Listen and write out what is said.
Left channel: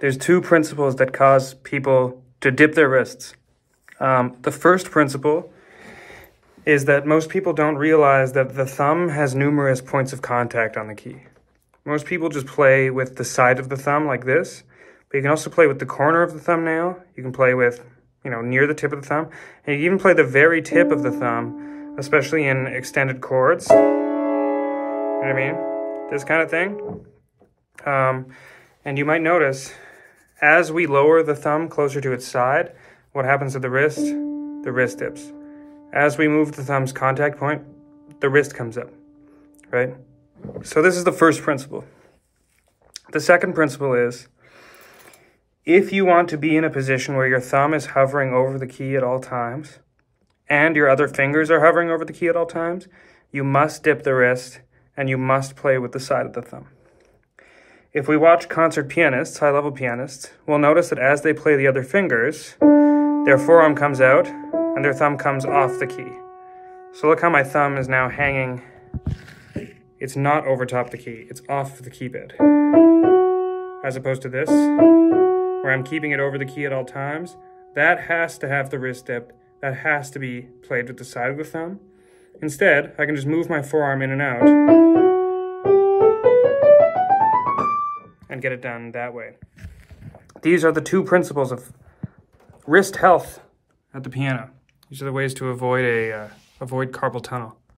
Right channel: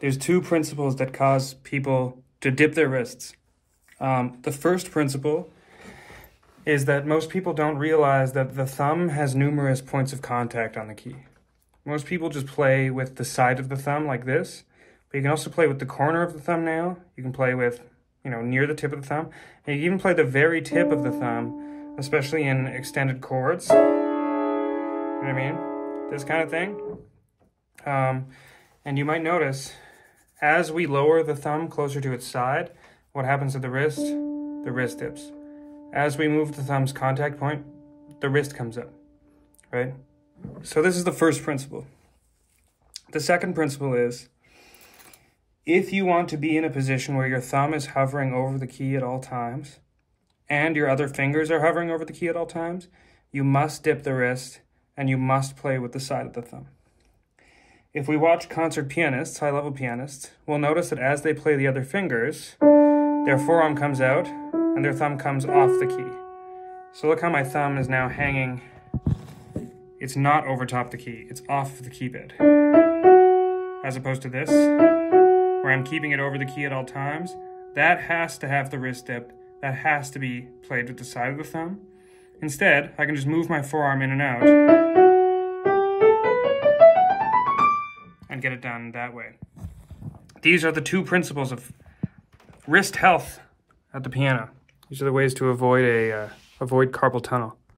there's two principles that cause people to dip their wrists. The first principle is that most people don't realize that the thumb has numerous points of contact on the key. Most people just play with the side of the thumb like this, but you can also play with the corner of the thumbnail. You can play with, near the tip of the thumb, and you can even play the very tip of the thumb, especially in extended chords. You know what I mean? This kind of thing. And you might notice, as we lower the thumb closer to its side, what happens to the wrist? The wrist dips. As we move the thumb's contact point, the wrist comes up, right? So this is the first principle. The second principle is, if you want to be in a position where your thumb is hovering over the key at all times, and your other fingers are hovering over the key at all times, you must dip the wrist, and you must play with the side of the thumb. If we watch concert pianists, high-level pianists, we'll notice that as they play the other fingers, their forearm comes out and their thumb comes off the key. So look how my thumb is now hanging. It's not over top the key, it's off the key bed. As opposed to this, where I'm keeping it over the key at all times, that has to have the wrist dip, that has to be played with the side of the thumb. Instead, I can just move my forearm in and out and get it done that way. These are the two principles of wrist health at the piano. These are the ways to avoid carpal tunnel.